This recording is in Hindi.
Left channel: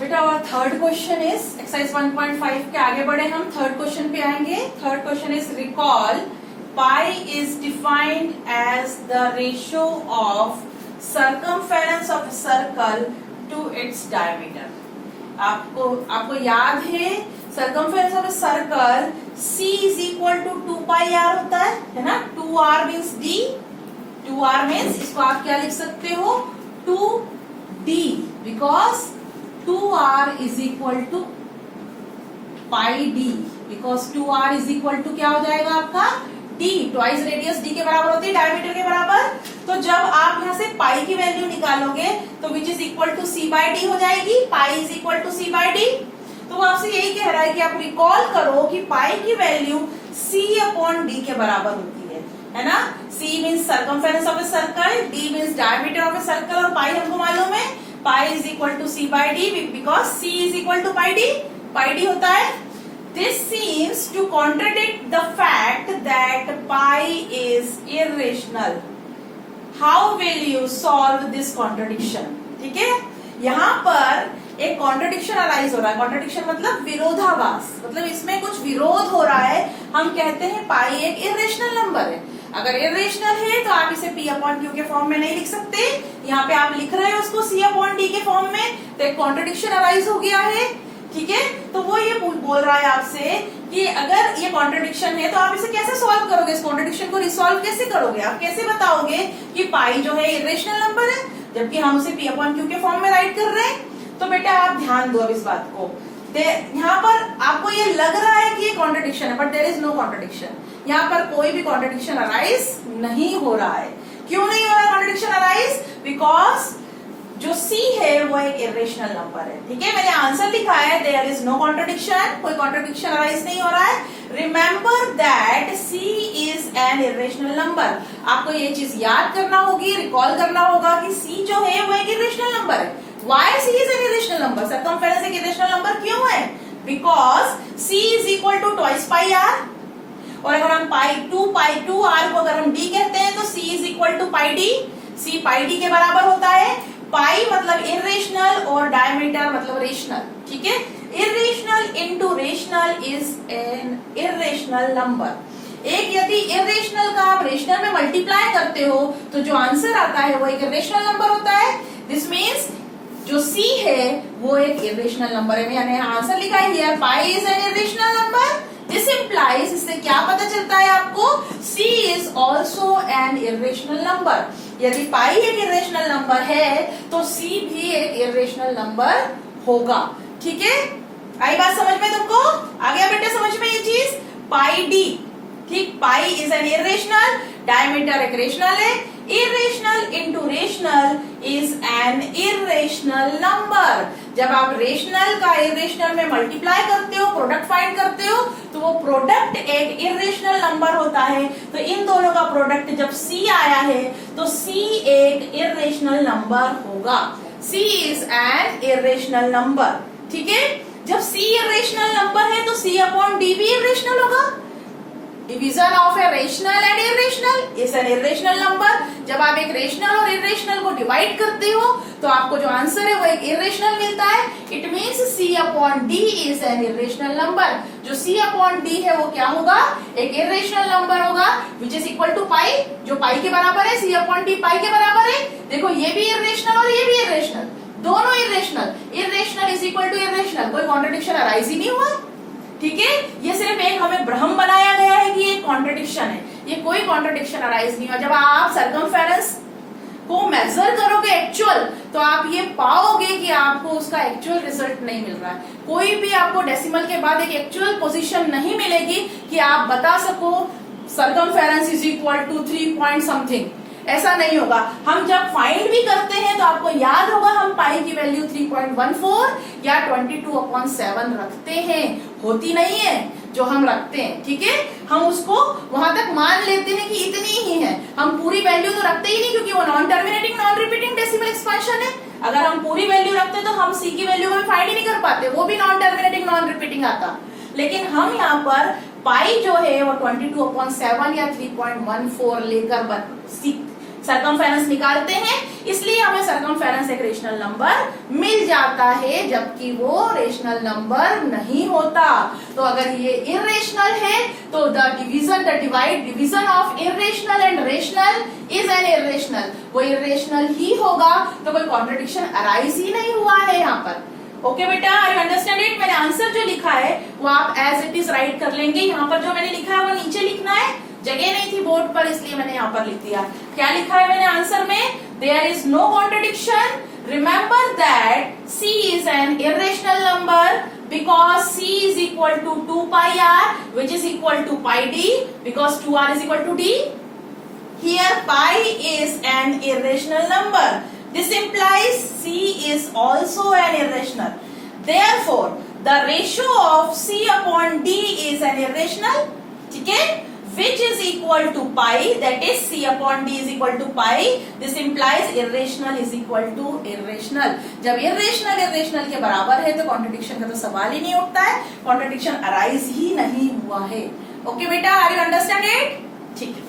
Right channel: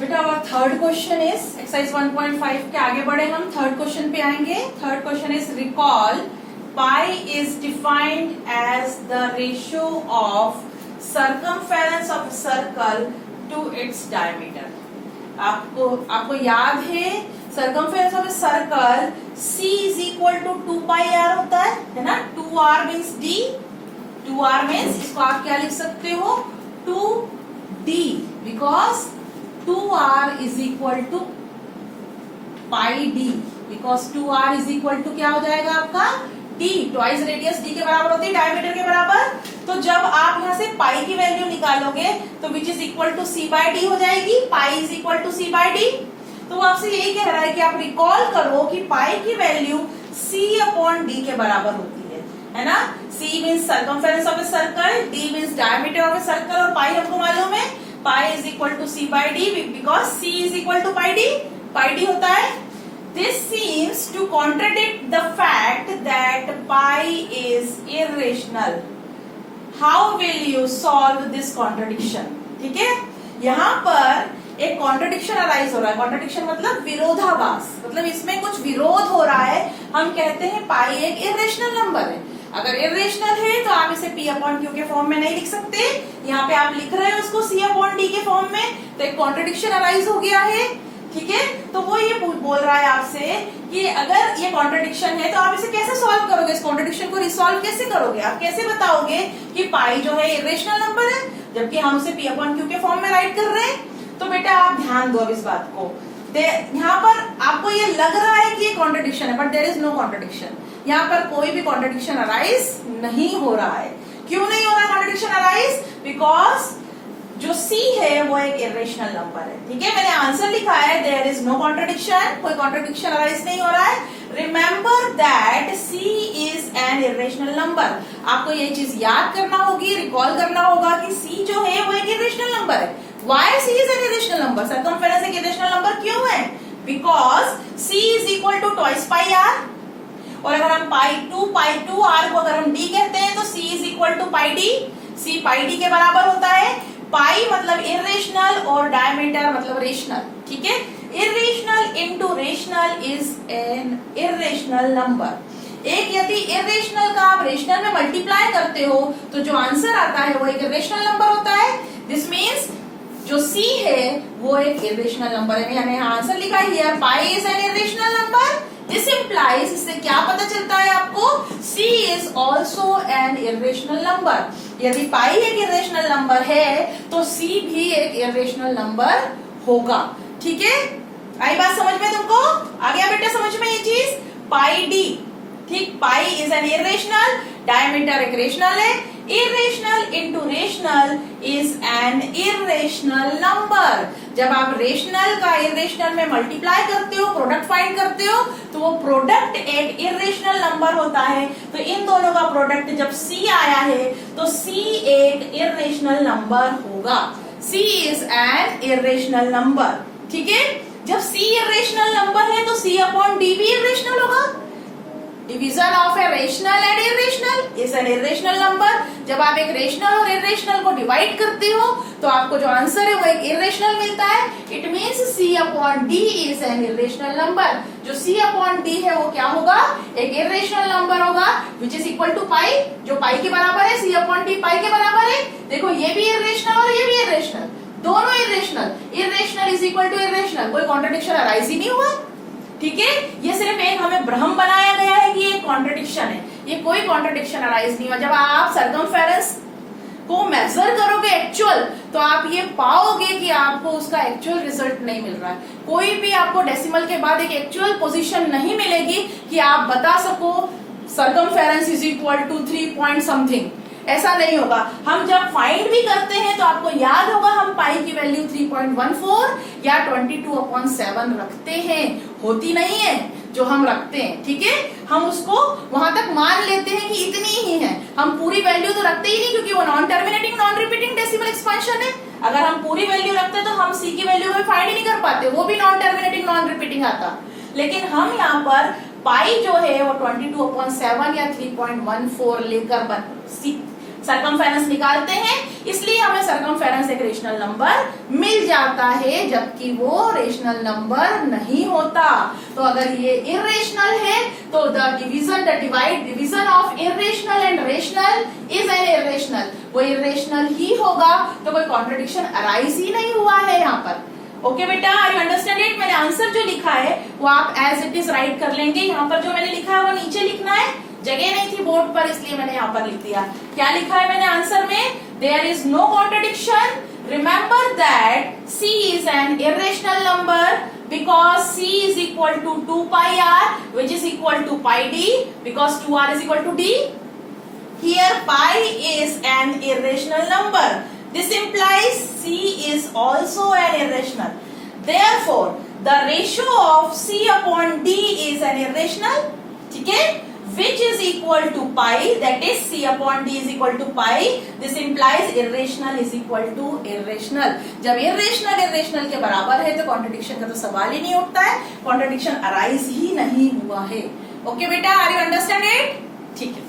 बेटा और थर्ड क्वेश्चन इज एक्सरसाइज 1.5 के आगे बढ़े हम थर्ड क्वेश्चन पे आएंगे। Third question is recall pi is defined as the ratio of circumference of circle to its diameter. आपको याद है circumference of circle C is equal to 2 pi r होता है ना। 2r means d, 2r means इसको आप क्या लिख सकते हो 2d, because 2r is equal to pi d, because 2r is equal to क्या हो जाएगा आपका d, ट्वाइस रेडियस d के बराबर होती है डायमीटर के बराबर। तो जब आप यहाँ से पाई की वैल्यू निकालोगे तो which is equal to c by d हो जाएगी। Pi is equal to c by d। तो वो आपसे यही कह रहा है कि आप रिकॉल करो कि पाई की वैल्यू c अपॉन d के बराबर होती है ना। c means circumference of a circle, d means diameter of a circle और पाई हमको मालूम है pi is equal to c by d, because c is equal to pi d होता है। This seems to contradict the fact that pi is irrational. How will you solve this contradiction? ठीक है, यहाँ पर एक कॉन्ट्रडिक्शन अराइज हो रहा है। कॉन्ट्रडिक्शन मतलब विरोधाभास, मतलब इसमें कुछ विरोध हो रहा है। हम कहते हैं पाई एक इरेशनल नंबर है। अगर इरेशनल है तो आप इसे p अपॉन क्यू के फॉर्म में नहीं लिख सकते। यहाँ पे आप लिख रहे हो उसको c अपॉन d के फॉर्म में, तो एक कॉन्ट्रडिक्शन अराइज हो गया है। ठीक है, तो वो ये बोल रहा है आपसे कि अगर ये कॉन्ट्रडिक्शन है तो आप इसे कैसे सॉल्व करोगे, इस कॉन्ट्रडिक्शन को रिसॉल्व कैसे करोगे, आप कैसे बताओगे कि पाई जो है इरेशनल नंबर है जबकि हम उसे p अपॉन क्यू के फॉर्म में राइट कर रहे हैं। तो बेटा आप ध्यान दो अब इस बात को। यहाँ पर आपको ये लग रहा है कि ये कॉन्ट्रडिक्शन है, but there is no contradiction. यहाँ पर कोई भी कॉन्ट्रडिक्शन अराइज नहीं हो रहा है। क्यों नहीं हो रहा कॉन्ट्रडिक्शन अराइज? बिकॉज जो c है वो एक इरेशनल नंबर है। ठीक है, मैंने आंसर लिखा है देयर इज नो कॉन्ट्रडिक्शन, कोई कॉन्ट्रडिक्शन अराइज नहीं हो रहा है। Remember that c is an irrational number. आपको ये चीज याद करना होगी, रिकॉल करना होगा कि c जो है वो एक इरेशनल नंबर है। Why c is an irrational number? Circumference एक इरेशनल नंबर क्यों है? Because c is equal to twice pi r, और अगर हम पाई 2 आर को अगर हम d कहते हैं तो c is equal to pi d। c pi d के बराबर होता है। पाई मतलब इरेशनल और डायमीटर मतलब रेशनल। ठीक है, irrational into rational is an irrational number. एक यदि इरेशनल का आप रेशनल में मल्टीप्लाई करते हो तो जो आंसर आता है वो एक इरेशनल नंबर होता है। दिस मीन्स जो c है वो एक इरेशनल नंबर है। मैंने आंसर लिखा है here pi is an irrational number. This implies, इससे क्या पता चलता है आपको, c is also an irrational number. यदि पाई एक इरेशनल नंबर है तो c भी एक इरेशनल नंबर होगा। ठीक है, आई बात समझ में तुमको? आ गया बेटा समझ में ये चीज? पाई d, ठीक, pi is an irrational, diameter एक रेशनल है। Irrational into rational is an irrational number. जब आप रेशनल का इरेशनल में मल्टीप्लाई करते हो, प्रोडक्ट फाइंड करते हो, तो वो प्रोडक्ट एक इरेशनल नंबर होता है। तो इन दोनों का प्रोडक्ट जब c आया है तो c एक इरेशनल नंबर होगा। c is an irrational number. ठीक है, जब c इरेशनल नंबर है तो c अपॉन d भी इरेशनल होगा। Division of a rational and irrational is an irrational number. जब आप एक रेशनल और इरेशनल को डिवाइड करते हो तो आपको जो आंसर है वो एक इरेशनल मिलता है। It means c upon d is an irrational number. जो c अपॉन d है वो क्या होगा? एक इरेशनल नंबर होगा, विच इज इक्वल टू पाई, जो पाई के बराबर है। c अपॉन d पाई के बराबर है। देखो ये भी इरेशनल और ये भी इरेशनल, दोनों irrational. Irrational is equal to irrational, कोई कॉन्ट्रडिक्शन अराइज ही नहीं हुआ। ठीक है, ये सिर्फ एक हमें भ्रम बनाया गया है कि ये कॉन्ट्रडिक्शन है, ये कोई कॉन्ट्रडिक्शन अराइज नहीं हुआ। जब आप सर्कमफेरेंस को मेजर करोगे एक्चुअल, तो आप ये पाओगे कि आपको उसका एक्चुअल रिजल्ट नहीं मिल रहा है। कोई भी आपको डेसिमल के बाद एक एक्चुअल पोजीशन नहीं मिलेगी कि आप बता सको circumference is equal to 3 point something, ऐसा नहीं होगा। हम जब फाइंड भी करते हैं तो आपको याद होगा हम पाई की वैल्यू 3.14 या 22/7 रखते हैं, होती नहीं है जो हम रखते हैं। ठीक है, हम उसको वहां तक मान लेते हैं कि इतनी ही है, हम पूरी वैल्यू तो रखते ही नहीं, क्योंकि वो non terminating non repeating decimal expansion है। अगर हम पूरी वैल्यू रखते तो हम c की वैल्यू को फाइंड ही नहीं कर पाते, वो भी नॉन टर्मिनेटिंग नॉन रिपीटिंग आता। लेकिन हम यहाँ पर पाई जो है वो 22/7 या 3.14 लेकर सरकमफेरेंस निकालते हैं, इसलिए हमें सरकमफेरेंस एक रेशनल नंबर मिल जाता है, जबकि वो रेशनल नंबर नहीं होता। तो अगर ये इर्रेशनल है तो the division of irrational and rational is an irrational, वो इर्रेशनल ही होगा, तो कोई कॉन्ट्रडिक्शन अराइज ही नहीं हुआ है यहाँ पर। ओके बेटा, आर यू अंडरस्टैंड इट? मैंने आंसर जो लिखा है वो आप एज इट इज राइट कर लेंगे। यहाँ पर जो मैंने लिखा है वो नीचे लिखना है, जगह नहीं थी बोर्ड पर, इसलिए मैंने यहाँ पर लिख दिया। क्या लिखा है मैंने आंसर में? There is no contradiction, remember that c is an irrational number because c is equal to 2 pi r which is equal to pi d because 2r is equal to d. Here pi is an irrational number. This implies c is also an irrational. Therefore, the ratio of c upon d is an irrational. ठीक है? Which is equal to pi, that is c upon d is equal to pi. This implies irrational is equal to irrational. जब irrational के बराबर है तो कॉन्ट्रडिक्शन का तो सवाल ही नहीं उठता है, कॉन्ट्रडिक्शन अराइज ही नहीं हुआ है। ओके बेटा, आर यू अंडरस्टैंड इट? ठीक है।